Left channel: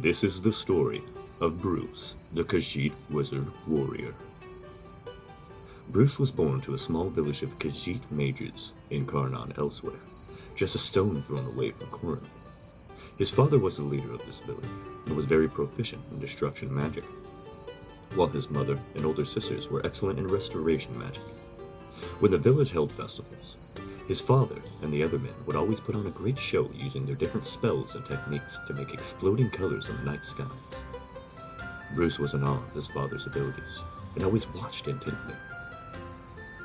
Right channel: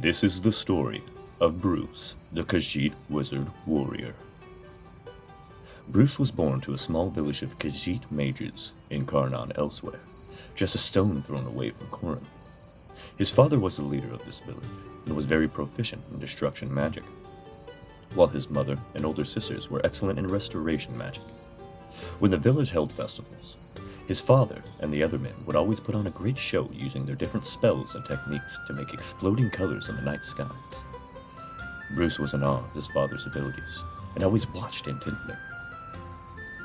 This is the story of Bruce, the Kahhiit wizard warrior. Bruce was born to a small village of Kahhiit mages in Karnan elsewhere, just a stone thrown away from Kurum. His father was the leader of this village and was very proficient in destruction magic, while his mother and older sisters were excellent in restoration magic. When the village held festivals, his father and the other men would always put on a great show using their different spells and techniques to make exploding colors in the night skies. Bruce was in awe of his father's abilities and always watched intently.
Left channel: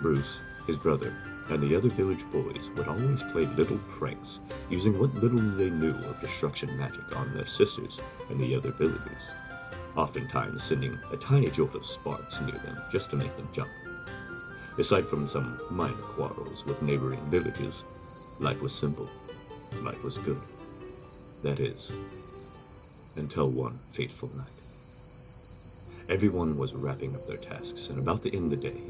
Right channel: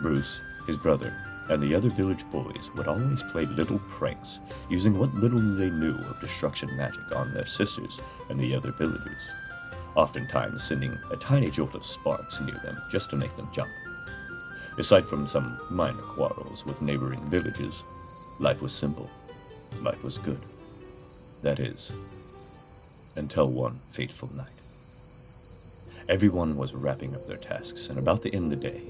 Bruce, his brother, and the other village boys would always play little pranks using what little they knew of destruction magic on their sisters and the other villagers, oftentimes sending a tiny jolt of sparks near them just to make them jump. Aside from some minor quarrels with neighboring villages, life was simple. Life was good. That is, until one fateful night. Everyone was wrapping up their tasks, and about the end of the day,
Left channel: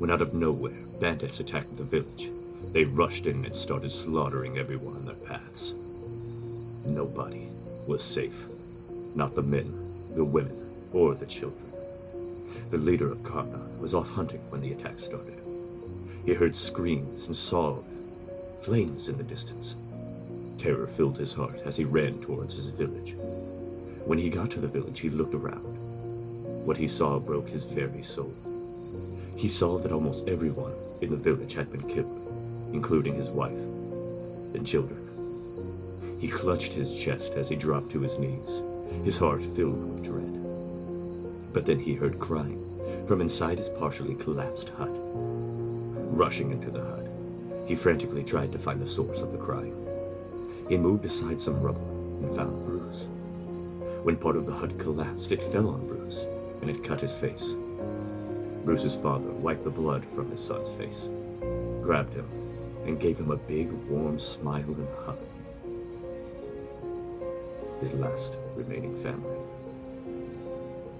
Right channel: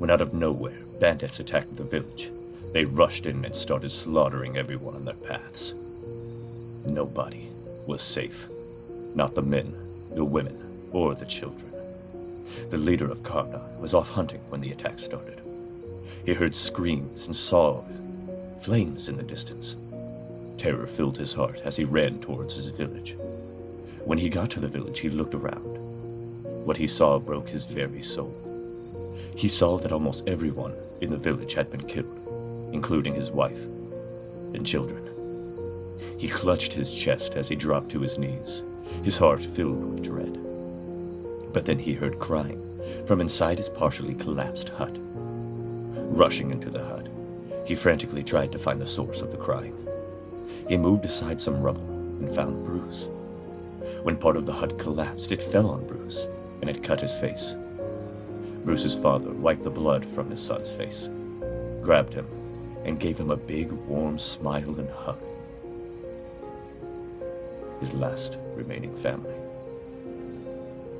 when out of nowhere bandits attacked the village, they rushed in and started slaughtering everyone on their paths. Nobody was safe. Not the men, the women, or the children. The leader of Karna was off hunting when the attack started. He heard screams and saw flames in the distance. Terror filled his heart as he ran towards his village. When he got to the village, he looked around. What he saw broke his very soul. He saw that almost everyone in the village had been killed, including his wife and children. He clutched his chest as he dropped to his knees, his heart filled with dread. But then he heard crying from inside his partially collapsed hut. Rushing into the hut, he frantically tried to find the source of the crying. He moved aside some rubble and found Bruce. When part of the hut collapsed, it fell on Bruce, and it cut his face. Bruce's father wiped the blood from his son's face, grabbed him, and gave him a big, warm smile and hug. His last remaining family.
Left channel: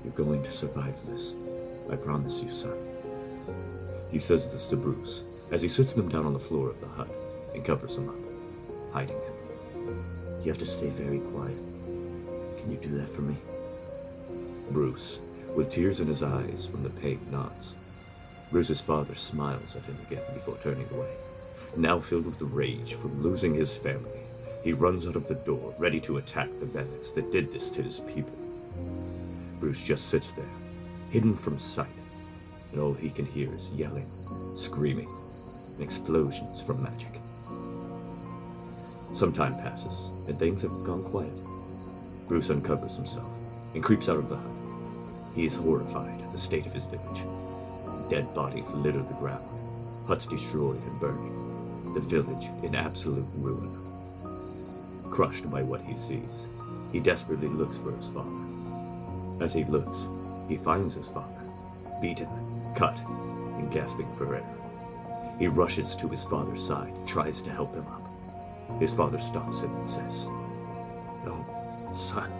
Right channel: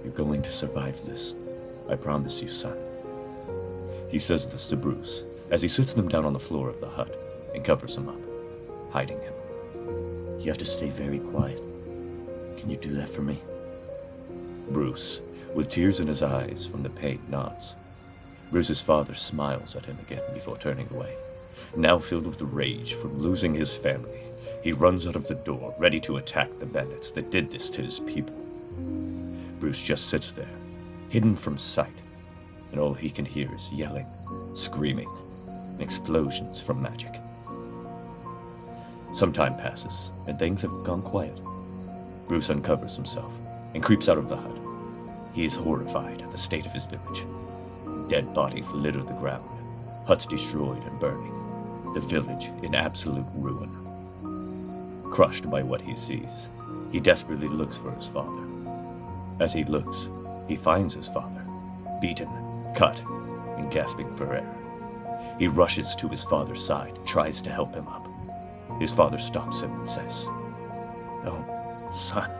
You're going to survive this. I promise you, son. He says this to Bruce as he sits them down on the floor of the hut and covers him up, hiding him. You have to stay very quiet. Can you do that for me? Bruce, with tears in his eyes from the pain, nods. Bruce's father smiles at him again before turning away. Now filled with rage from losing his family, he runs out of the door, ready to attack the bandits that did this to his people. Bruce just sits there, hidden from sight, and all he can hear is yelling, screaming, and explosions from magic. Some time passes, and things have gone quiet. Bruce uncovers himself and creeps out of the hut. He is horrified at the state of his village. Dead bodies litter the ground, huts destroyed and burning, the village in absolute ruin. Crushed by what he sees, he desperately looks for his father. As he looks, he finds his father, beaten, cut, and gasping for air. He rushes to his father's side, tries to help him up. His father stops him and says, "No, son.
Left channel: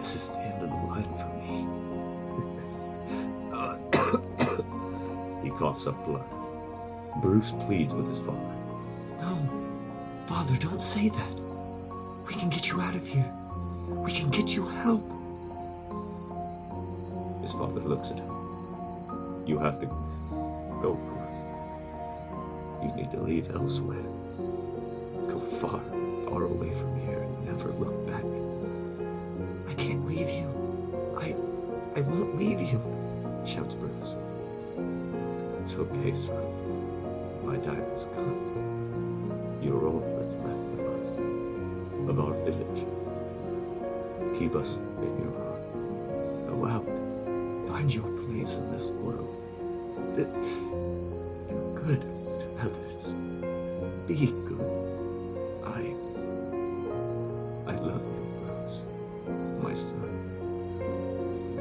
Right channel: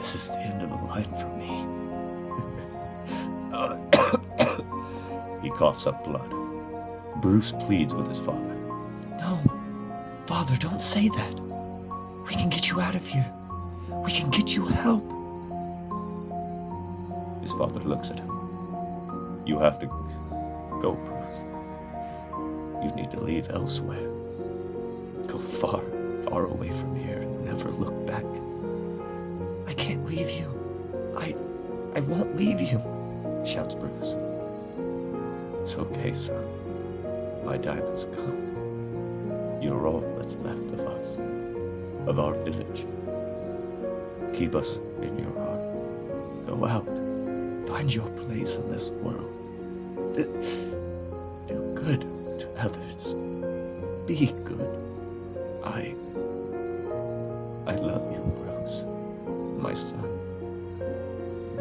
This is the end of the line for me." He coughs up blood. Bruce pleads with his father. No, Father, don't say that. We can get you out of here. We can get you help. His father looks at him. You have to go, Bruce. You need to leave elsewhere. Go far, far away from here and never look back. I can't leave you. I won't leave you, Shouts Bruce. It's okay, son. My time has come. You're all that's left of us, of our village. Keep us in your heart. Go out. Find your place in this world. Do good to others. Be good. I love you, Bruce. My son.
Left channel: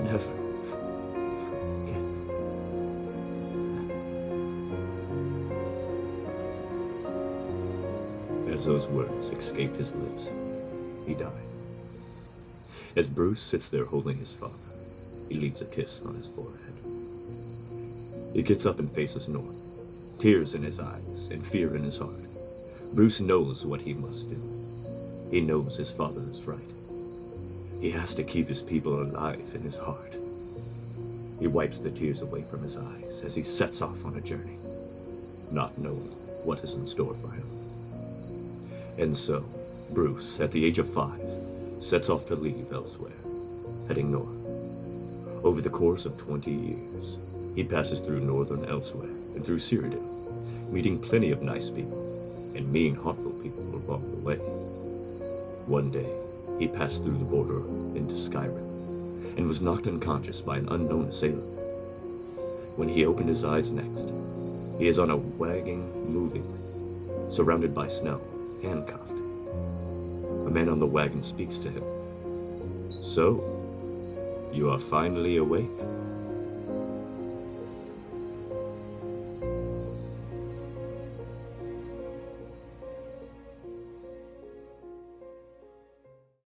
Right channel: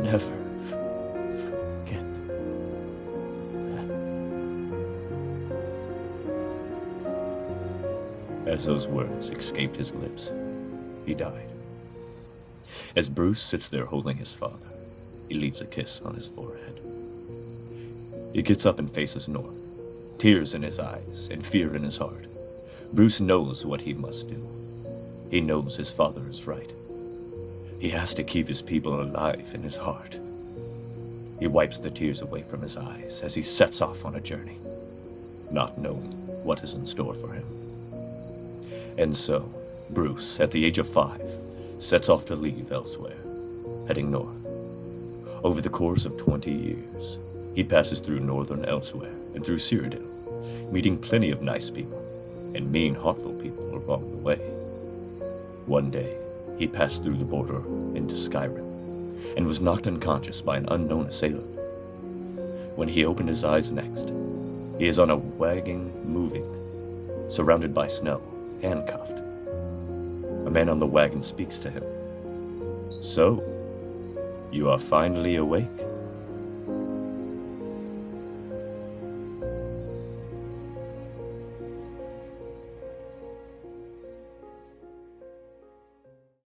Never forget that. As those words escaped his lips, he died. As Bruce sits there holding his father, he leaves a kiss on his forehead. He gets up and faces north, tears in his eyes and fear in his heart. Bruce knows what he must do. He knows his father is right. He has to keep his people alive in his heart. He wipes the tears away from his eyes as he sets off on a journey, not knowing what is in store for him. And so, Bruce, at the age of 5, sets off to leave elsewhere, heading north. Over the course of 20 years, he passes through northern Elsewhere and through Cyrodiil, meeting plenty of nice people and mean, heartful people along the way. One day, he passed through the border into Skyrim and was knocked unconscious by an unknown assailant. When he opened his eyes next, he is on a wagon moving, surrounded by snow, handcuffed. A man on the wagon speaks to him. "So, you are finally awake?"